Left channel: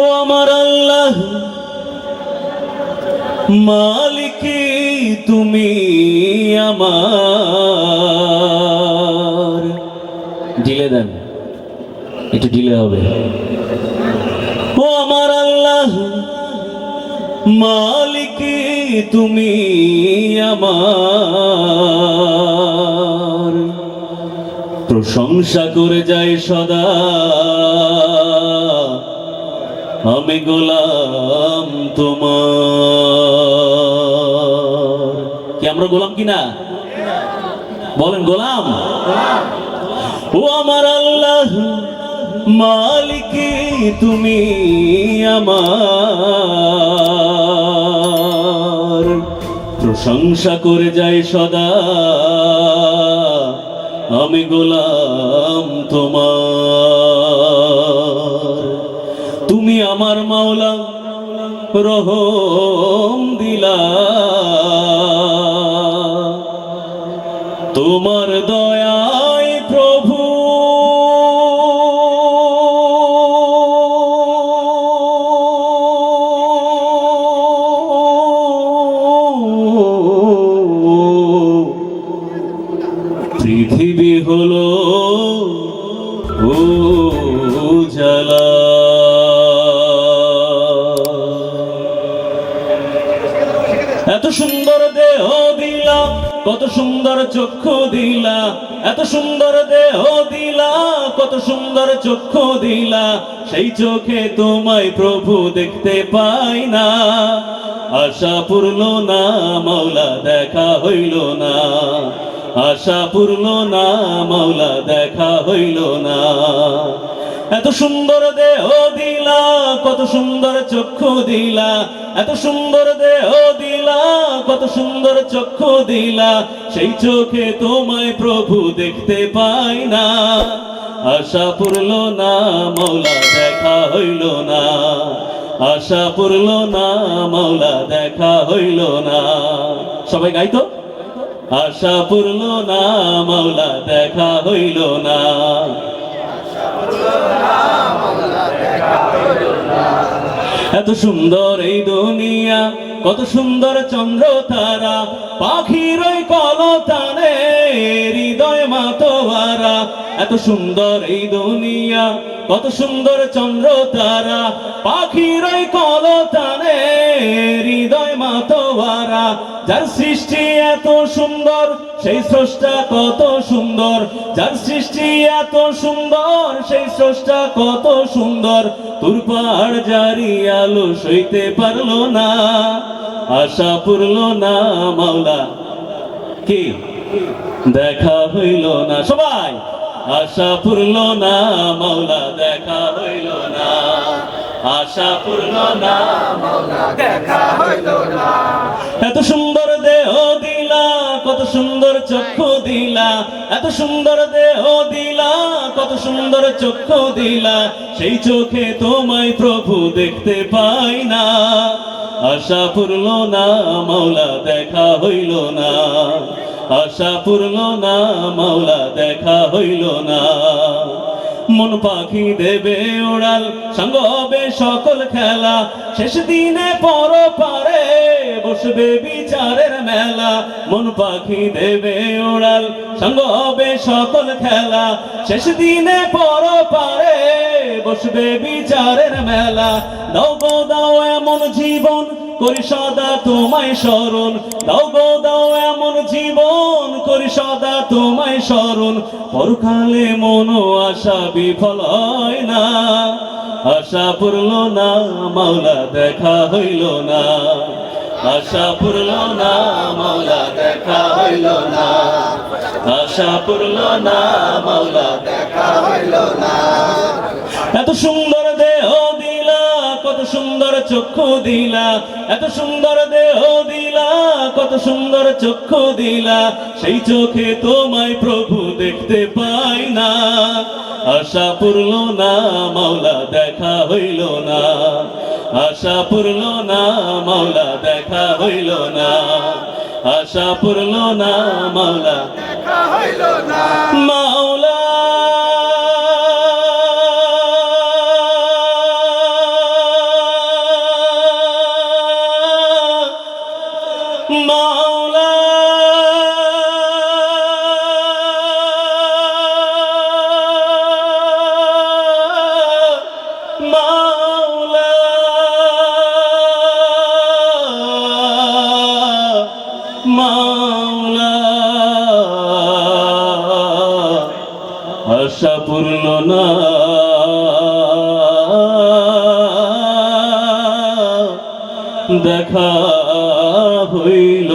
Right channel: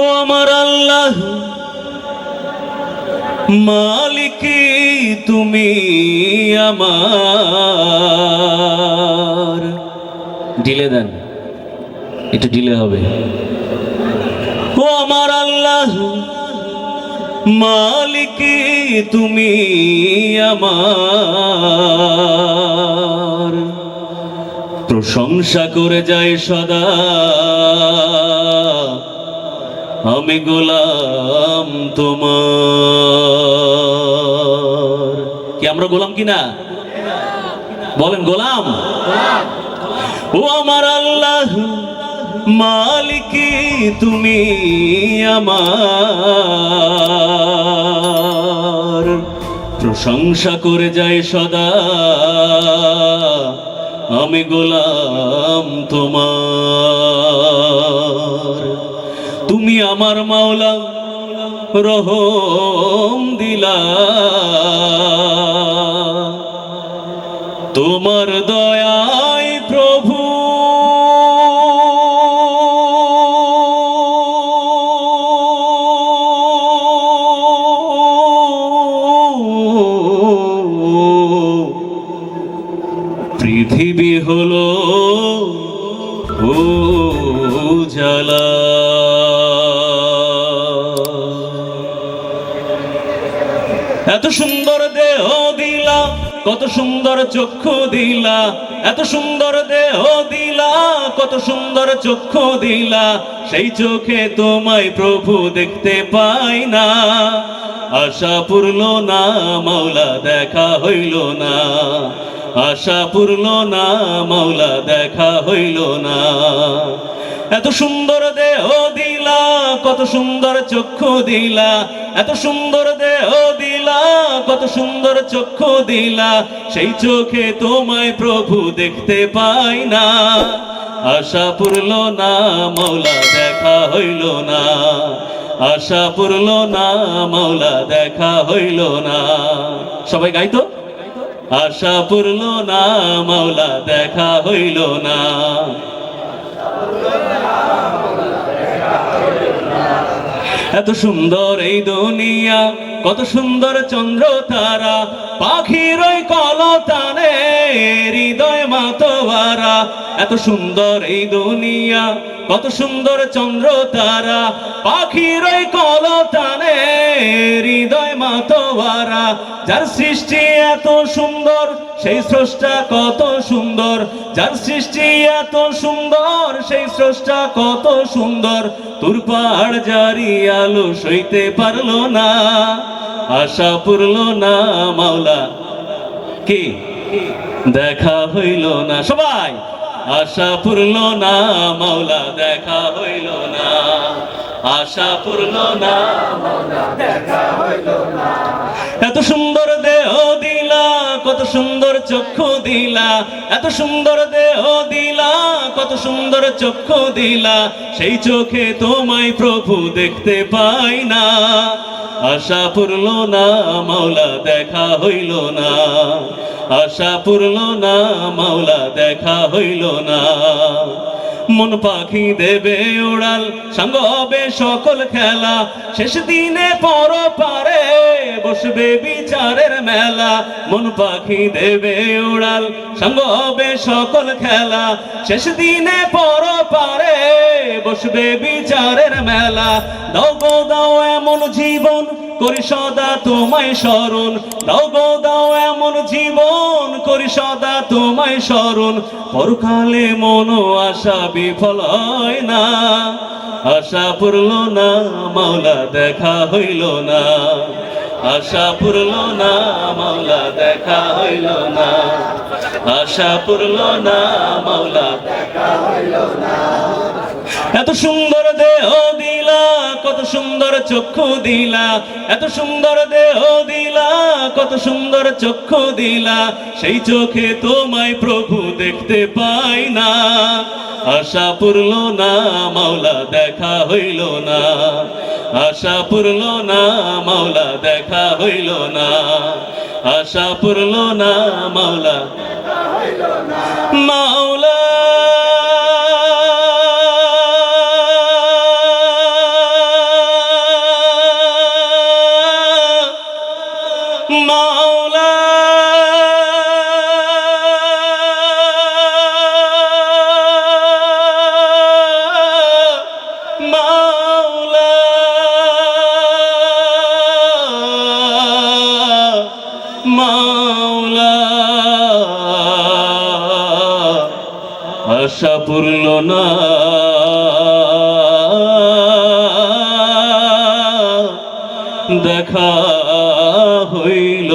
ও আমার আল্লাহ মালিক তুমি আমার। ঢিলে দেন, একটু ঢিলে হবে। ও আমার আল্লাহ মালিক তুমি আমার। প্রশংসা করে যাই সদা আমি গোলাম তোমার। কি আমরা গোলাম কিনা বলেন? গোলাম। ও আমার আল্লাহ মালিক তুমি আমার। প্রশংসা করে যাই সদা আমি গোলাম তোমার। তুমি আমার মাওলা রহম দিলা, তোমার দয়ায় প্রভু পৃথিবী হলো উজালা। এত সুন্দর দেহ দিলা, কত সুন্দর চক্ষু দিলা, এত সুন্দর দেহ দিলা, কত সুন্দর চক্ষু দিলা, সেই চোখে তোমায় প্রভু দেখতে পাই না। আশা পূর্ণ না মাওলা দেখা হইল না, আশা পূর্ণ না মাওলা দেখা হইল না। এত সুন্দর দেহ দিলা, কত সুন্দর চক্ষু দিলা, এত সুন্দর দেহ দিলা, কত সুন্দর চক্ষু দিলা, সেই চোখে তোমায় প্রভু দেখতে পাই না। আশা পূর্ণ না মাওলা দেখা হইল না, আশা পূর্ণ না মাওলা দেখা হইল না। সবাই গাইতো, আশা পূর্ণ না মাওলা দেখা হইল না। এত সুন্দর এই দুনিয়া, কত সুন্দর চন্দ্র তারা, পাখির ওই কলতানে হৃদয় মাতোয়ারা। এত সুন্দর এই দুনিয়া, কত সুন্দর চন্দ্র তারা, পাখির ওই কলতানে হৃদয় মাতোয়ারা। যার সৃষ্টি এত সুন্দর সেই স্রষ্টা কত সুন্দর, যার সৃষ্টি এত সুন্দর সেই স্রষ্টা কত সুন্দর। তোর পাহাড় জারি আলো সইতে পারলো না, আশা পূর্ণ না মাওলা কি দেখা হইল না। সবাই আশা পূর্ণ না মাওলা দেখা হইল না, আশা পূর্ণ না মাওলা দেখা হইল না। এত সুন্দর দেহ দিলা, কত সুন্দর চক্ষু দিলা, এত সুন্দর দেহ দিলা, কত সুন্দর চক্ষু দিলা, সেই চোখে তোমায় প্রভু দেখতে পাই না। আশা পূর্ণ না মাওলা দেখা হইল না, আশা পূর্ণ না মাওলা দেখা হইল না। মন পাখি দেবে উড়াল, সঙ্গ হবে সকল খেলা, শেষ দিনে পর পারে বসবে বিচারের মেলা। মন পাখি দেবে উড়াল, সঙ্গ হবে সকল খেলা, শেষ দিনে পর পারে বসবে বিচারের মেলা। দাও গো দাও এমন জীবন করি সদা তোমায় স্মরণ, দাও গো দাও এমন জীবন করি সদা তোমায় স্মরণ। পরকালে মন আশা বিফল হয় না, আশা পূর্ণ না মাওলা দেখা হইল না, আশা পূর্ণ না মাওলা দেখা হইল না, আশা পূর্ণ না মাওলা দেখা হইল না। এত সুন্দর দেহ দিলা, কত সুন্দর চক্ষু দিলা, এত সুন্দর দেহ দিলা, কত সুন্দর চক্ষু দিলা, সেই চোখে তোমায় প্রভু দেখতে পাই না। আশা পূর্ণ না মাওলা দেখা হইল না, আশা পূর্ণ না মাওলা দেখা হইল না, আশা পূর্ণ না মাওলা দেখা হইল না। মাওলা মাওলা আশা পূর্ণ না দেখা হইল